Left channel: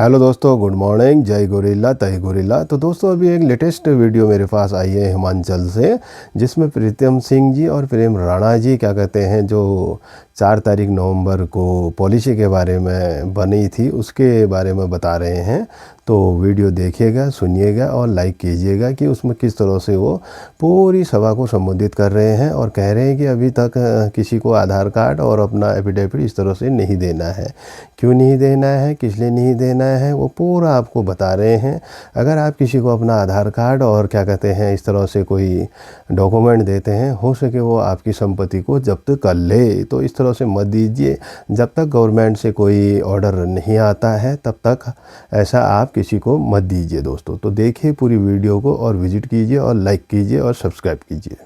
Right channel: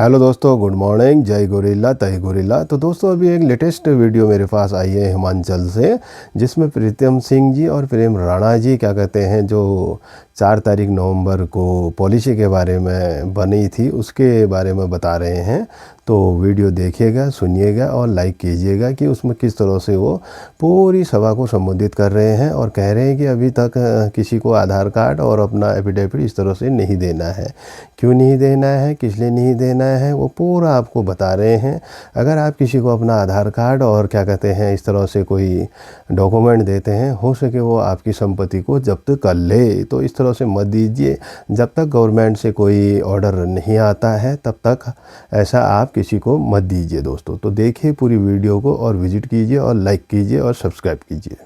Hello दोस्तों, good morning. जय gorilla तय गोरिल्ला। तो दोस्तों, अभी एक लेटेस्ट वीडियो मेरे पास आई है हिमाचल से, जिसमें प्रीतम सिंह जी और प्रेम राणा जी क्या कहते हैं, जो 4 तारीख नवंबर को पॉलिसी के बारे में बनी थी उसके बारे में बता रहे हैं। तो वीडियो देखिएगा, सुनिएगा और लाइक कीजिएगा कि उसमें किस तरह से वो पूरी सभा को संबोधित कर रहे हैं और कह रहे हैं कि अभी तक किसी को आधार कार्ड और अपना एफिडेविट इस तरह से नहीं देना है। क्यों नहीं देना है, किस लिए नहीं देना है, वो पूरा आपको बता रहे हैं। अगर आप किसी को अपना आधार कार्ड और क्या कहते हैं इस तरह से कोई डॉक्यूमेंट देते हैं, हो सके वो आपकी संपत्ति को जब्त कर ले। तो इस तरह से मत दीजिए। जब तक गवर्नमेंट से कोई ऑर्डर नहीं आता है तब तक ऐसा आप किसी को मत दीजिए दोस्तों। तो देखिए पूरी वीडियो को और विजिट कीजिए और लाइक कीजिए और सब्सक्राइब कीजिए।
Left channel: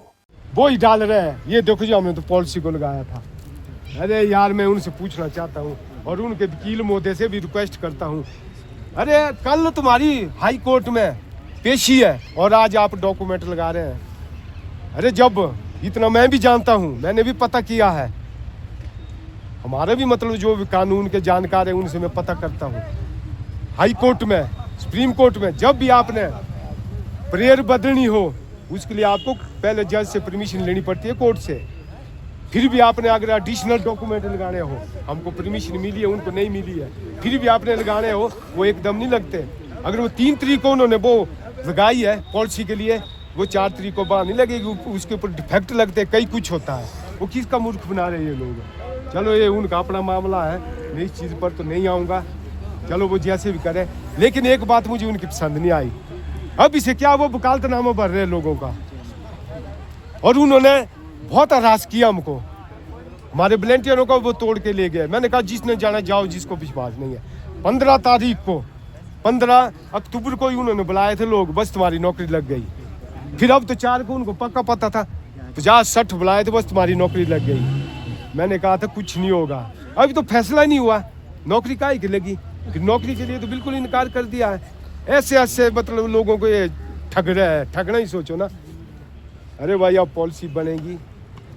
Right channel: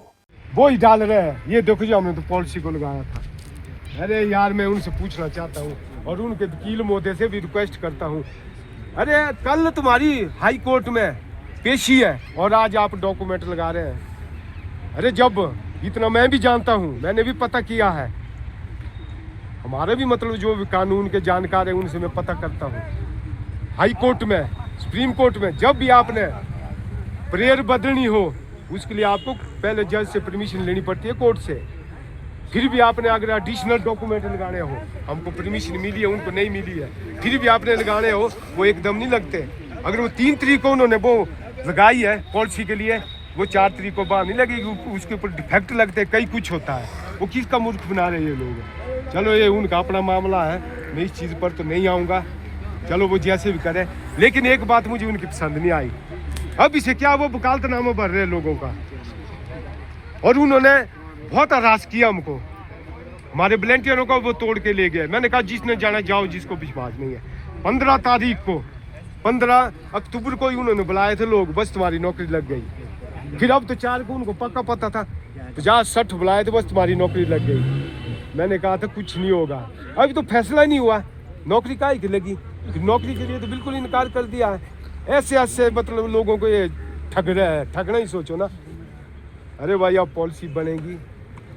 वो ही डाल रहे हैं, ये देखो जो हमने तो पॉलिसी को लगाया था। अरे यार, मैं उनसे पूछना चाहता हूँ और उनके वकील महोदय से भी रिक्वेस्ट करता हूँ। अरे कल तुम्हारी हाई कोर्ट में पेशी है और आज आप डॉक्यूमेंट लगा रहे हैं। अरे जब इतना मैं भी जानता हूँ, मैंने भी पता किया है, हमारे भी मतलब जो भी कानून के जानकार है उनसे मैं पता करता हूँ। हाई कोर्ट में, सुप्रीम कोर्ट में जब भी आपने प्रेयर बदलनी हो उसके लिए आपको पहले जज से परमिशन लेनी पड़ती है कोर्ट से। फिर भी आपने अगर एडिशनल डॉक्यूमेंट लगाने हो, हमको परमिशन मिली है, उनको नहीं मिली है, फिर भी आपने लगाने हो, वो एकदम नहीं लगते। अगर वो 3 तारीख को उन्होंने वो लगाई है पॉलिसी के लिए, वो 4 तारीख को बाद नहीं लगेगी, उसके ऊपर डिफेक्ट लगते, कई कुछ होता है। वो किसका मूर्ख बना रहे हैं ये लोग। चलो ये उनका अपना मामला है, मैं इस चीज़ पर तो नहीं आऊँगा। चलो वो जैसे भी करें, लेकिन एक बात मुझे उनकी पसंद नहीं आई। अब इसे क्या वो वकालतनामा भर रहे लोगों का, और उन्होंने बहुत हरास किया हमको। हमारे वॉलंटियरों को वो तोड़ के ले गए। मैंने कहा जिसने जाना जाओ, जिसको विश्वास नहीं है। 15 तारीख को, 15 अक्टूबर को ही उन्होंने बुलाए थे लोग, बस तुम्हारी नौकरी लग गई। फिर अब तो 4 को उनको पक्का पता था, 50-60 बुलाए थे, बस तुम्हारी नौकरी लग गई। मैंने कहा था कुछ नहीं होगा, अभी तो फैसला नहीं हुआ, नौकरी काहे की लगी। फिर नौकरी के लिए तो बिल्कुल इनकार कर दिया है। ऐसे ऐसे मतलब लोगों को ये ठग रहा है, ठगना ही सोचो ना। अरे भाई, अब पॉलिसी बनेगी,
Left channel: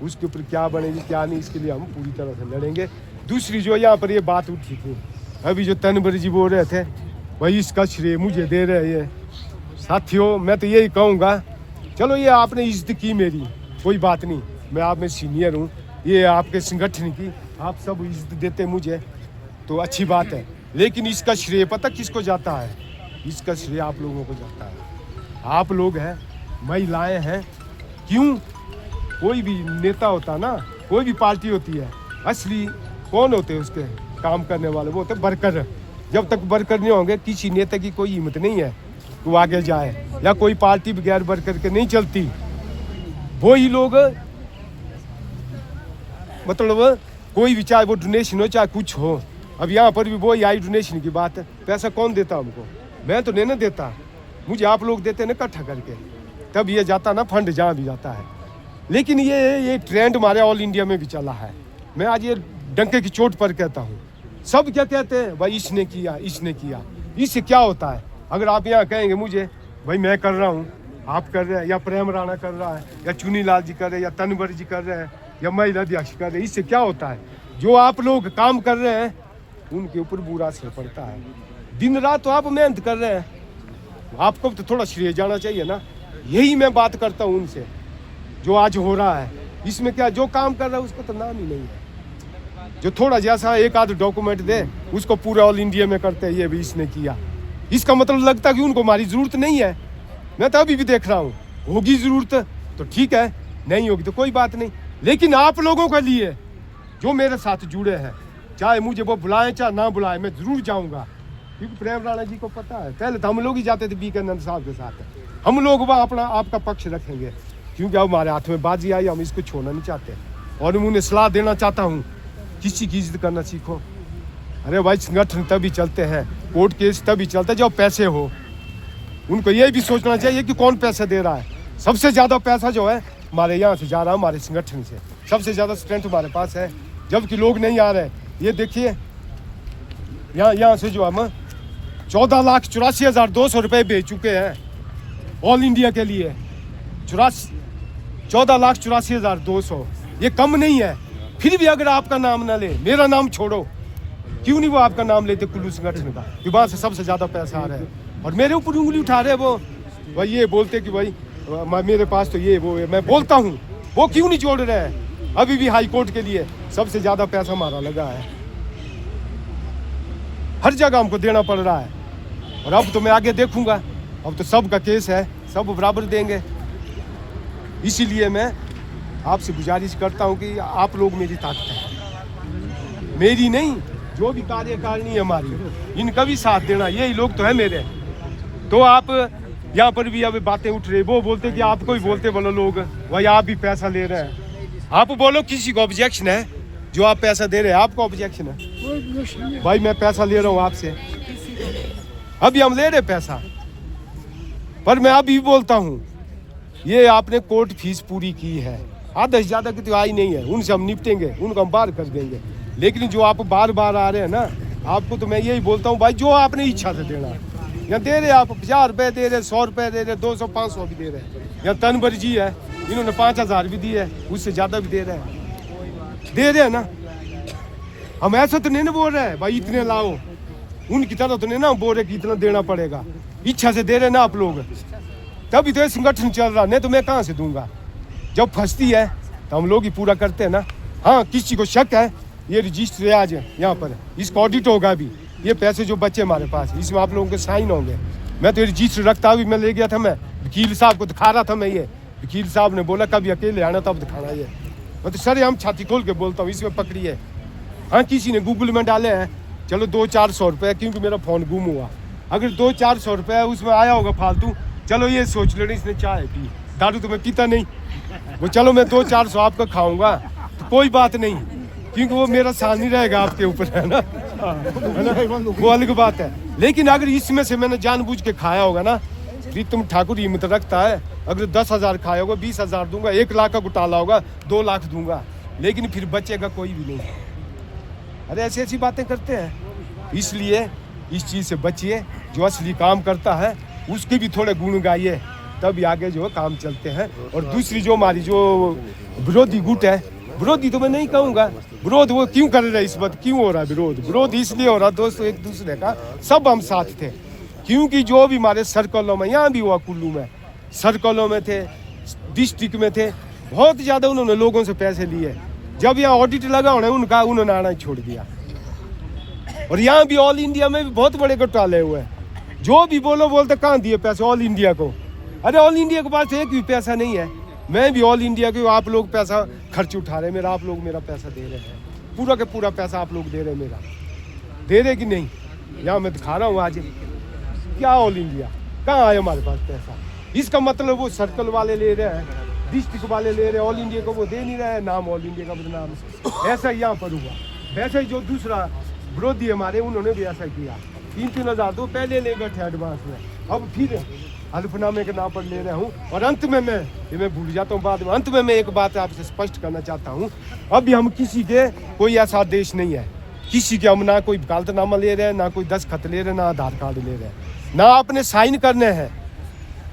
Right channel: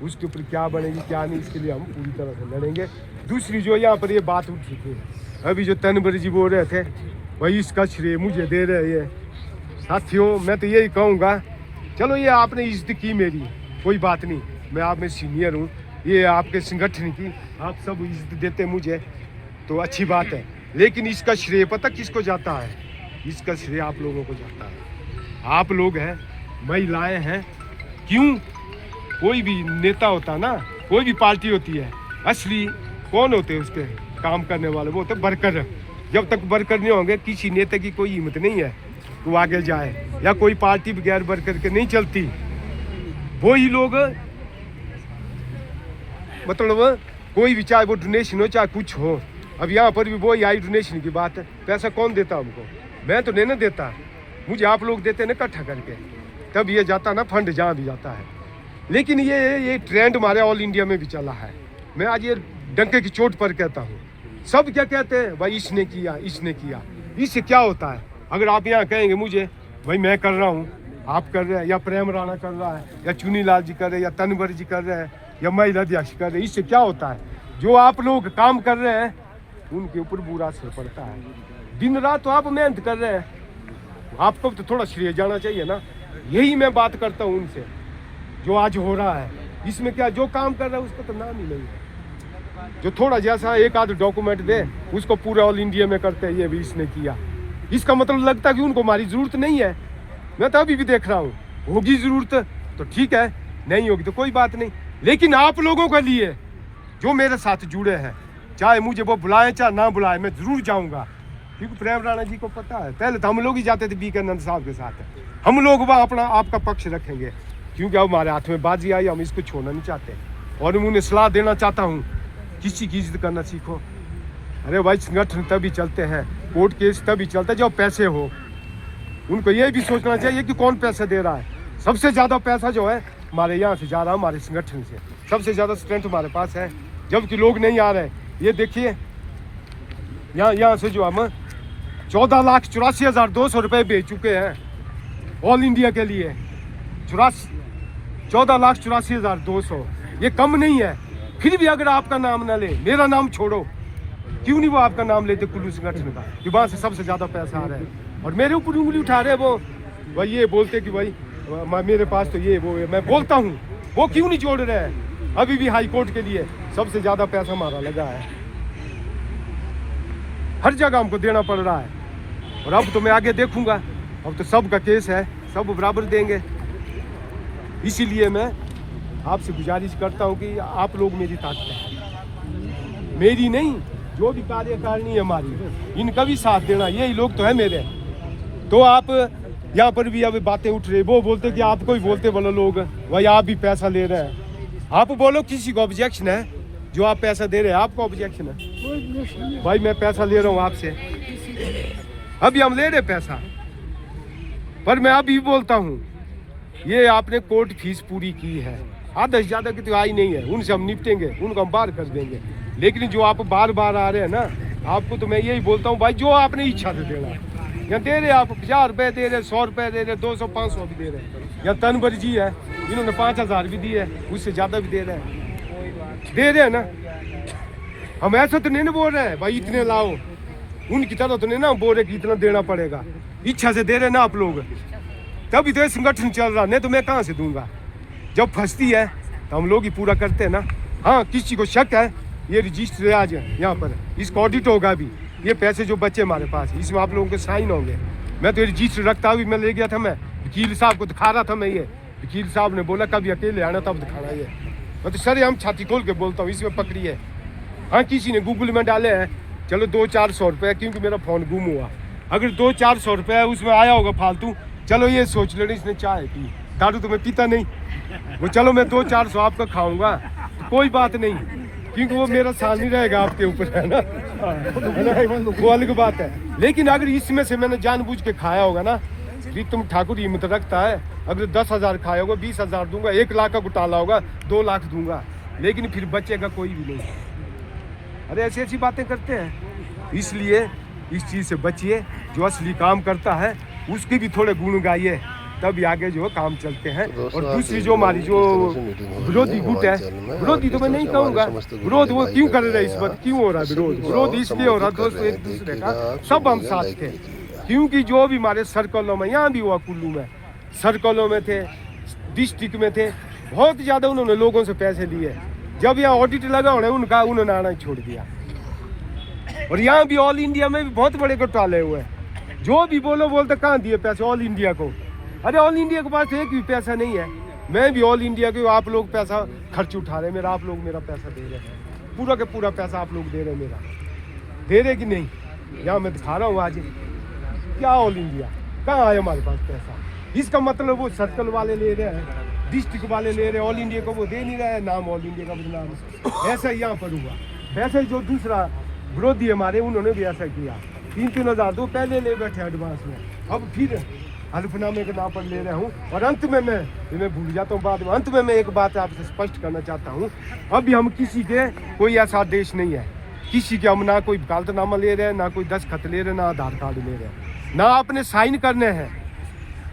उसके ऊपर क्या बनेगी क्या नहीं, इसके लिए हम पूरी तरह से लड़ेंगे। दूसरी जो यहाँ पर ये बात उठी थी, अभी जो तनवर जी बोल रहे थे, वही इसका श्रेय मुझे दे रहे हैं। साथियों, मैं तो यही कहूँगा, चलो ये आपने इज्जत की मेरी, कोई बात नहीं, मैं आप में सीनियर हूँ, ये आपके संगठन की आप सब इज्जत देते मुझे तो अच्छी बात है। लेकिन इसका श्रेय पता किसको जाता है? इसका श्रेय आप लोगों को जाता है। आप लोग हैं, महिलाएं हैं। क्यों? कोई भी नेता होता ना, कोई भी पार्टी होती है, असली कौन होते हैं उसके काम करने वाले? वो होते वर्कर। जब तक वर्कर नहीं होंगे, किसी नेता की कोई हिम्मत नहीं है वो आगे जाए, या कोई पार्टी बगैर वर्कर के नहीं चलती। वो ही लोग मतलब कोई भी, चाहे वो डोनेशन हो चाहे कुछ हो, अब यहाँ पर भी वो आई डोनेशन की बात है। पैसा कौन देता हमको? मैं तो नहीं ना देता, मुझे आप लोग देते ना इकट्ठा करके, तब ये जाता ना फंड जहाँ भी जाता है। लेकिन ये ट्रेंड हमारे ऑल इंडिया में भी चला है। मैं आज ये डंके की चोट पर कहता हूँ, सब क्या कहते हैं भाई, इसने किया, इसने किया। इससे क्या होता है? अगर आप यहाँ कहेंगे मुझे भाई मैं कर रहा हूँ, आप कर रहे हैं, या प्रेम राणा कर रहा है, या चुनी लाल जी कर रहे हैं, या तनवर जी कर रहे हैं, या महिला अध्यक्ष कर रहे हैं, इससे क्या होता है? जो आप लोग काम कर रहे हैं उनके ऊपर बुरा असर पड़ता है। दिन रात तो आप मेहनत कर रहे हैं, आपको तो थोड़ा श्रेय जाना चाहिए ना। यही मैं बात करता हूँ उनसे। जो आज हो रहा है इसमें क्या, जो काम कर रहा है उसका तो नाम ही नहीं है। जो थोड़ा जैसा एक आध डॉक्यूमेंट दे उसको पूरा ऑल इंडिया में करते हैं, ये भी इसने किया। इसका मतलब लगता है कि उनको हमारी जरूरत नहीं है। मैं तो अभी भी देख रहा हूँ, होगी जरूरत तो ठीक है, नहीं होगी तो कोई बात नहीं। लेकिन आप लोगों के लिए जो मेरे साथ जुड़े हैं, चाहे मुझे वो बुलाए चाहे ना बुलाए, मैं जरूर जाऊंगा। क्योंकि प्रेम राणा जी को पता है, पहले तो हम लोग ही जाते थे बीके नंद साहब के साथ। हम लोग वहाँ अपना आपका पक्ष रखेंगे, क्योंकि अब हमारे हाथ में बाजी आई, हम इसको छोड़ना नहीं चाहते। और मैं उन्हें सलाह देना चाहता हूँ, किसी की इज्जत करना सीखो। अरे भाई, संगठन तभी चलते हैं, कोर्ट केस तभी चलते हैं जब पैसे हो। उनको ये भी सोचना चाहिए कि कौन पैसा दे रहा है। सबसे ज़्यादा पैसा जो है हमारे यहाँ से जा रहा है, हमारे संगठन से सबसे ज़्यादा स्ट्रेंथ हमारे पास है, जबकि लोग नहीं आ रहे। ये देखिए, यहाँ से जो हम 14,84,200 रुपये भेज चुके हैं ऑल इंडिया के लिए। 14,84,200, ये कम नहीं है। फिर भी अगर आपका नाम ना ले, मेरा नाम छोड़ो, क्यों नहीं वो आपका नाम लेते कुल्लू संगठन का कि वहाँ से सबसे ज़्यादा पैसा आ रहा है और मेरे ऊपर उंगली उठा रहे वो भाई ये बोलते कि भाई मेरे पास तो ये वो है। मैं बोलता हूँ वो क्यों नहीं जोड़ रहे हैं। अभी भी हाई कोर्ट के लिए सबसे ज़्यादा पैसा हमारा लगा है, हर जगह हमको देना पड़ रहा है और अब तो मैं आगे देखूंगा, अब तो सबका केस है, सब बराबर देंगे। इसीलिए मैं आपसे गुजारिश करता हूं कि आप लोग मेरी ताकत है, मेरी नहीं, जो भी कार्यकारिणी है हमारी, इनका भी साथ देना, यही लोग तो है मेरे। तो आप यहाँ पर भी अब बातें उठ रही, वो बोलते कि आपको ही बोलते बोलो लोग भाई आप भी पैसा ले रहे हैं। आप बोलो किसी को ऑब्जेक्शन है जो आप पैसा दे रहे हैं, आपको ऑब्जेक्शन है? भाई मैं पैसा ले रहा हूँ आपसे, अभी हम ले रहे पैसा, पर मैं अभी बोलता हूँ ये आपने कोर्ट फीस पूरी की है, आधा से ज़्यादा की तो आई नहीं है, उनसे हम निपटेंगे, उनको हम बाहर कर देंगे। लेकिन जो आप बार बार आ रहे हैं ना, आपको तो मैं यही बोलता हूँ भाई जो आपने इच्छा से देना है, या दे रहे आप 50 रुपये दे रहे, 100 रुपये दे रहे, 200 500 भी दे रहे, या तनवर जी है इन्होंने 5000 भी दिए, उससे ज़्यादा भी दे रहे हैं ना। हम ऐसे तो नहीं ना बोल रहे हैं भाई इतने लाओ, उनकी तरह तो नहीं ना बोल रहे कि इतना देना पड़ेगा, इच्छा से दे रहे ना आप लोग, तभी तो ये संगठन चल रहा, नहीं तो मैं कहाँ से दूंगा। जब फंसती है तो हम लोग ही पूरा करते हैं ना। हाँ किसी को शक है, ये रजिस्टर है आज यहाँ पर, इसका ऑडिट होगा अभी, ये पैसे जो बचे हमारे पास इसमें आप लोगों के साइन होंगे। मैं तो ये रजिस्टर रखता हुई मैं ले गया था, मैं वकील साहब को दिखा रहा था, मैं ये वकील साहब ने बोला कभी अकेले आना तब दिखाना, ये मैं तो सर हम छाती खोल के बोलता हूँ, इसमें पकड़िए। हाँ किसी ने गूगल में डाले हैं, चलो 200-400 रुपये, क्योंकि मेरा फ़ोन गुम हुआ, अगर 200-400 रुपये उसमें आया होगा फालतू, चलो ये सोच लेना इसने चाय पी, दारू तो मैं पीता नहीं, वो चलो मैं 200-400 आपका खाऊंगा तो कोई बात नहीं, क्योंकि वो मेरा साल नहीं रहेगा आपके ऊपर, है ना, वो अलग बात है। लेकिन अगर इसमें से मैंने जानबूझ के खाया होगा ना, विक्रम ठाकुर हिम्मत रखता है, अगर 10,000 खाया होगा 20,000 दूंगा, 1 लाख का घोटाला होगा 2 लाख दूंगा, लेकिन फिर बचेगा कोई भी नहीं। अरे ऐसी ऐसी बातें करते हैं, इसलिए इस चीज़ से बचिए। जो असली काम करता है उसके भी थोड़े गुण गाइए, तभी आगे जो काम चलते हैं। और दूसरी जो हमारी जो विरोधी गुट है, विरोधी तो मैं नहीं कहूँगा, विरोध वो क्यों कर रहे हैं, इस वक्त क्यों हो रहा है विरोध? विरोध इसलिए हो रहा दोस्तों, एक दूसरे का, सब हम साथ थे, क्योंकि जो भी हमारे सर्कलों में, यहाँ भी हुआ कुल्लू में, सर्कलों में थे, डिस्ट्रिक्ट में थे, बहुत ज़्यादा उन्होंने लोगों से पैसे लिए। जब यहाँ ऑडिट लगा उनका, उन्होंने आना छोड़ दिया। और यहाँ भी ऑल इंडिया में भी बहुत बड़े घोटाले हुए, जो भी बोलो बोलते कहाँ दिए पैसे ऑल इंडिया को। अरे ऑल इंडिया के पास एक भी पैसा नहीं है, मैं भी ऑल इंडिया के, आप लोग पैसा खर्च उठा रहे मेरा, आप लोग मेरा पैसा दे रहे हैं, पूरा का पूरा पैसा आप लोग दे रहे मेरा, दे रहे कि नहीं? यहाँ मैं दिखा रहा हूँ आज, क्या ऑल इंडिया कहाँ आया हमारे पास पैसा? इसका मतलब वो सर्कल वाले ले रहे हैं, डिस्ट्रिक्ट वाले ले रहे हैं, ऑल इंडिया को वो दे नहीं रहे हैं, नाम ऑल इंडिया का बदनाम। ऐसा ही यहाँ पर हुआ, वैसे ही जो दूसरा विरोधी हमारे, उन्होंने भी ऐसा किया, 3-3 हज़ार तो पहले ले बैठे एडवांस में, अब फिर हल्फनामे के नाम पर ले रहा हूँ। और अंत में मैं भूल जाता हूँ बाद में, अंत में मैं एक बात आपसे स्पष्ट करना चाहता हूँ, अभी हम किसी के कोई ऐसा देश नहीं है, किसी के हम ना कोई वकालतनामा ले रहे हैं, ना कोई दस्तखत ले रहे हैं, ना आधार कार्ड ले रहे हैं, ना आपने साइन करने हैं।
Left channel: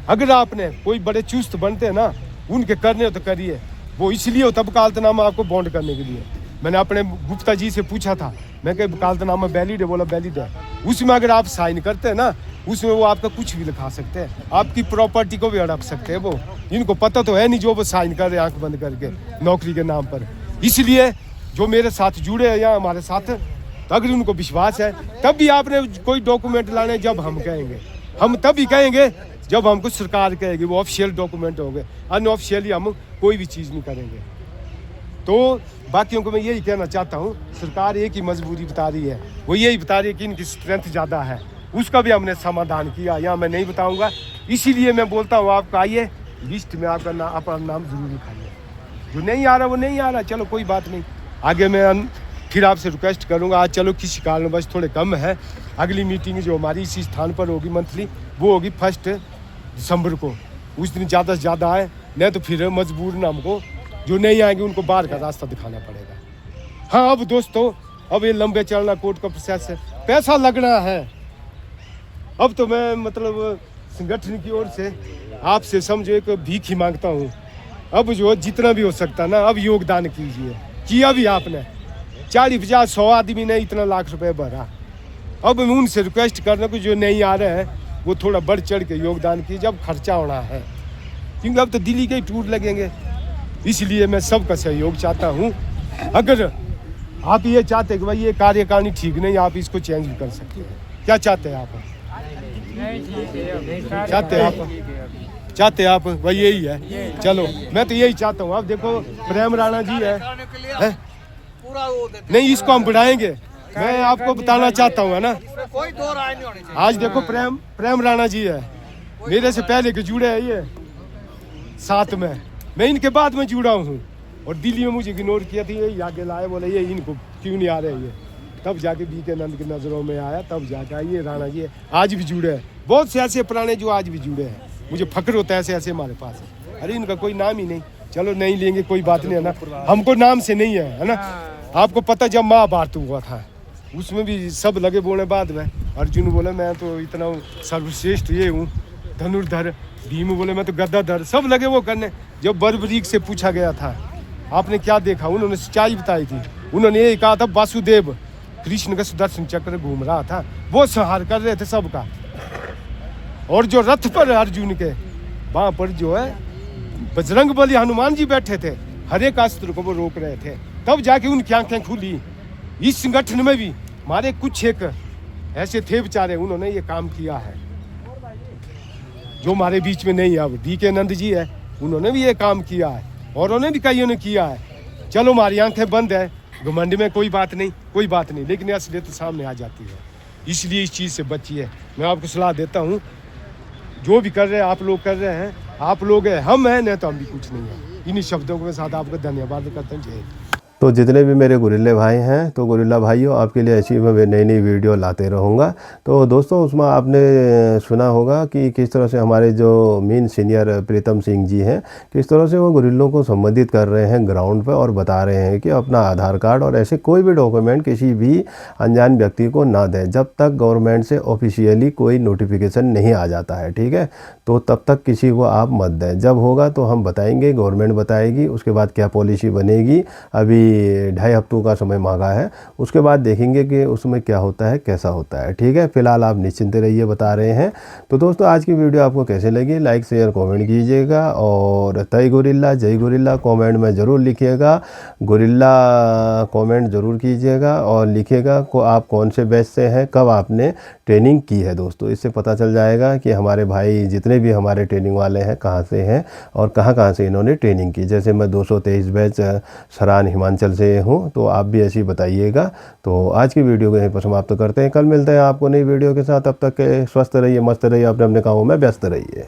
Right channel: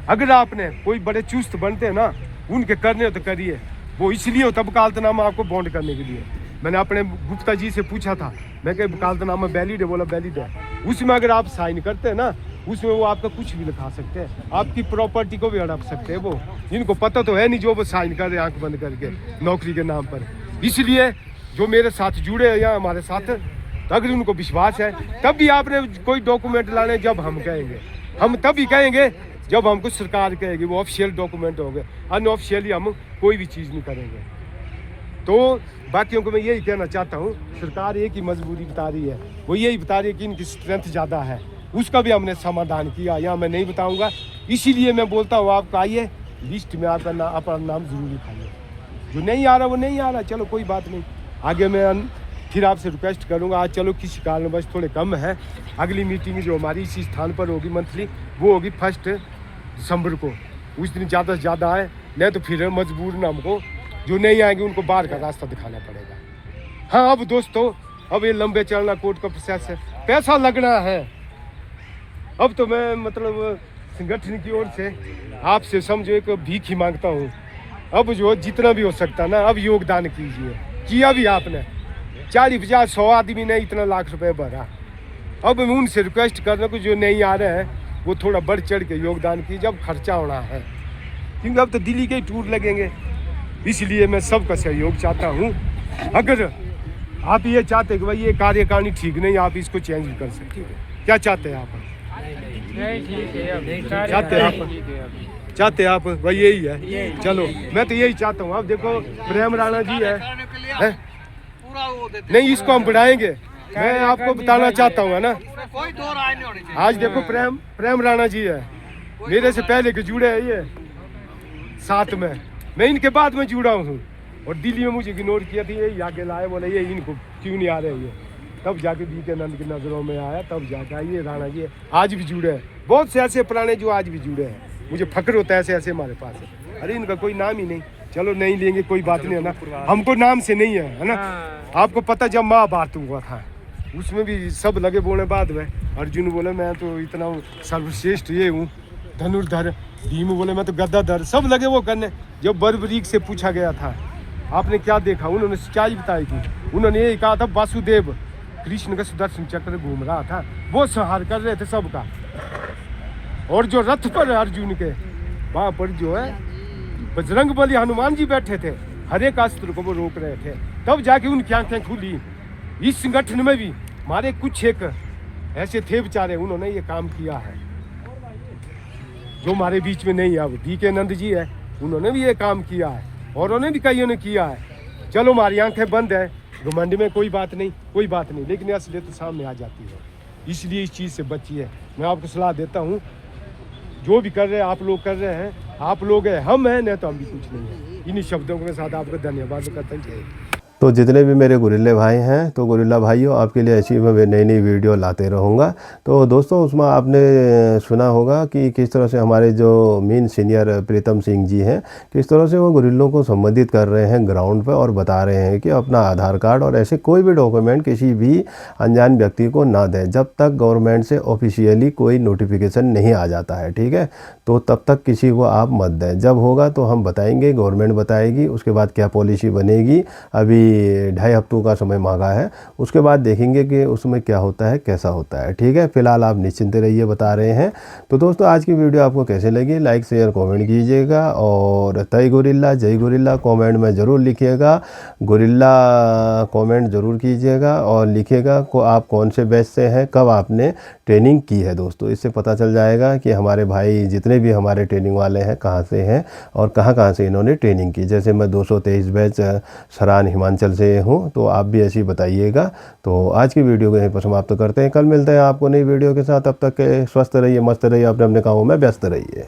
अगर आपने कोई बड़े चुस्त बनते हैं ना, उनके करने तो करिए, वो इसलिए होता वकालतनामा आपको बॉन्ड करने के लिए। मैंने अपने गुप्ता जी से पूछा था, मैं कह वकालतनामा वैलिड है, बोला वैलिड है। उसमें अगर आप साइन करते हैं ना, उसमें वो आपका कुछ भी लिखा सकते हैं, आपकी प्रॉपर्टी को भी हड़प सकते हैं। वो इनको पता तो है नहीं, जो वो साइन कर रहे हैं आंख बंद करके नौकरी के नाम पर। इसलिए जो मेरे साथ जुड़े हैं यहाँ हमारे साथ, तो अगर उनको विश्वास है तब भी आपने कोई डॉक्यूमेंट लाने, जब हम कहेंगे, हम तभी कहेंगे जब हमको सरकार कहेगी, वो ऑफिशियल डॉक्यूमेंट होंगे, अनऑफिशियली हम कोई भी चीज़ नहीं करेंगे। तो बाकियों को मैं यही कहना चाहता हूँ, सरकार एक ही मजबूरी बता रही है, वो यही बता रही है कि इनकी स्ट्रेंथ ज़्यादा है, उसका भी हमने समाधान किया, यहाँ मैं नहीं बताऊँगा। इसीलिए मैं बोलता हूँ आपका आइए, लिस्ट में आपका अपना नाम ज़रूर लिखाइए, जो नहीं आ रहा वो नहीं आ रहा, चलो कोई बात नहीं, आगे मैं फिर आपसे रिक्वेस्ट करूँगा। आज चलो किसी कारणवश थोड़े कम है, अगली मीटिंग जो हमारी इसी स्थान पर होगी मंथली, वो होगी 1 दिसंबर को, उस दिन ज़्यादा से ज़्यादा आए, नहीं तो फिर मजबूर ना हमको जो नहीं आएंगे उनको बाहर का रास्ता दिखाना पड़ेगा। हाँ अब दोस्तों, अब ये लंबे चलना कोर्ट का प्रोसेस है, पैसा लगना है। अब तो मैं मतलब संगठन की ओर से आपसे समझो एक भीख ही मांगता हूँ, अब जो जितना भी हो सकता ना, अब योगदान कीजिए, किया भी आपने, 40-50-100 आदमी ने इतना लाख रुपए भरा। अब मैं उनसे रिक्वेस्ट कर रहा हूँ जो नहीं आ रहे हैं वो थोड़ा बढ़ चढ़ के योगदान कीजिए, जब खर्चा होना है, क्योंकि अब तो दिल्ली के ही टूर लगेंगे। इसलिए मैं सबका सहयोग चाहता हूँ। अगर आप ये चाहते कि भाई ये कार्यकारिणी ठीक नहीं, आप इसको चेंज भी कर सकते हैं। क्या चाहते हैं आप? चाहते आप वही यही है। चलो मैं तो यही चाहता हूँ। आप देखो प्रेम राणा जी है? नहीं, इसको हम बढ़ाएंगे। मैं आपको बताना चाहता हूँ, है ना, कोई दो राय नहीं होनी चाहिए। आज देखो प्रेम राणा जी है, मेरे से पहले के जुड़े हैं ये साथ में, मैं इनके बाद में जुड़ा हूँ। और दिल्ली में मुझे इग्नोर किया था, ये आगे लाए, बोले ये इनको क्यों नहीं आ रहे ये, तब जाके बीके नंद की नज़रों में आया, तब जाकर ये राणा जी आज भी जुड़े हैं। बहुत से ऐसे पुराने जो आज भी जुड़े हैं, मुझे फक्र होता है ऐसे ऐसे हमारे पास है। अरे इनका कोई नाम ही नहीं, चलो नहीं लेंगे, कोई बात नहीं, है ना, हमको नाम से नहीं है ना। आपको पता जब महाभारत हुआ था उसमें भी सब लगे बोले, बाद में अर्जुन बोले मैं तो इतना सर्वश्रेष्ठ ये हूँ धनुर्धर, भीम बोले मैं तो गद्दाधर, सब लगे वो करने। जब बर्बरीक से पूछा गया था आपने क्या देखा, उन्होंने सच्चाई बताई थी। उन्होंने ये कहा था वासुदेव कृष्ण का सुदर्शन चक्र घूम रहा था, वो संहार कर रहे थे सबका। और जो रथ पर अर्जुन के वहां पर जो है बजरंग बली हनुमान जी बैठे थे, हर एक अस्त्र को वो रोक रहे थे, तब जाके उनकी आंखें खुली। इस संगठन में भी हमारे कुछ एक ऐसे थे बेचारे, उन्होंने ये काम किया है जो हमारे बीच में नहीं है। अब बीके नंद जी है, उन्होंने भी ये काम किया है, और उन्होंने भी कईयों ने किया है। चलो हमारी आंखें बंद है, घमंड में कोई बात नहीं, लेकिन असलियत तो सामने आ जाती है। इसलिए इस चीज़ से बचिए। मैं आपको सलाह देता हूँ, जो भी कर रहे हैं आप लोग कर रहे हैं, आप लोग हैं, हम हैं, नहीं तो हम भी कुछ नहीं है। इन्हीं शब्दों के साथ आपको धन्यवाद करते हैं। जय हिंद। तो जितने भी मेरे गुरिल्ले भाई हैं, तो गुरिल्ला भाइयों आपके लिए ऐसी मैं नई नई वीडियो लाते रहूँगा। तो दोस्तों उसमें आपने सुना होगा कि किस तरह से हमारे जो मेन सीनियर प्रीतम सिंह जी हैं, किस तरह से वो गुरिल्लों को संबोधित कर रहे हैं ग्राउंड पर, और बता रहे हैं कि अपना आधार कार्ड और ऐसे कोई भी डॉक्यूमेंट किसी भी अनजान व्यक्ति को ना दें जब तक गवर्नमेंट से ऑफिशियली कोई नोटिफिकेशन नहीं आ जाता है, ठीक है। तो तब तक किसी को आप मत दें, जब होगा तो हम बताएंगे, गवर्नमेंट बताएगी, उसके बाद क्या पॉलिसी बनेगी। अभी 2.5 हफ्तों का समय मांगा है, उसके बाद देखेंगे कि उसमें क्या होता है, कैसा होता है, ठीक है। फिलहाल आप निश्चिंत रहिए, बता रहे हैं। तो दोस्तों आज की वीडियो आपको कैसे लगी, लाइक शेयर कमेंट कीजिएगा, और जय गोरिल्ला जय गोरिल्ला कमेंट में ज़रूर लिखिएगा, गोरिल्ला कमेंट ज़रूर कीजिएगा, और लिखिएगा को आप कौन से बैच से हैं, कब आपने ट्रेनिंग की है। दोस्तों इससे पता चल जाएगा कि हमारे भाई जितने भी हमारे ट्रेनिंग वाले हैं कहाँ से हैं और कहाँ से इन्होंने ट्रेनिंग की। जैसे मैं 223 बैच सरान हिमाचल से हूँ, तो आप भी ऐसे ही बताइएगा। तो आज की वीडियो को यहीं पर समाप्त करते हैं, कल मिलते हैं आपको नई वीडियो के साथ। तब तक स्वस्थ रहिए, मस्त रहिए, अपने अपने कामों में व्यस्त रहिए।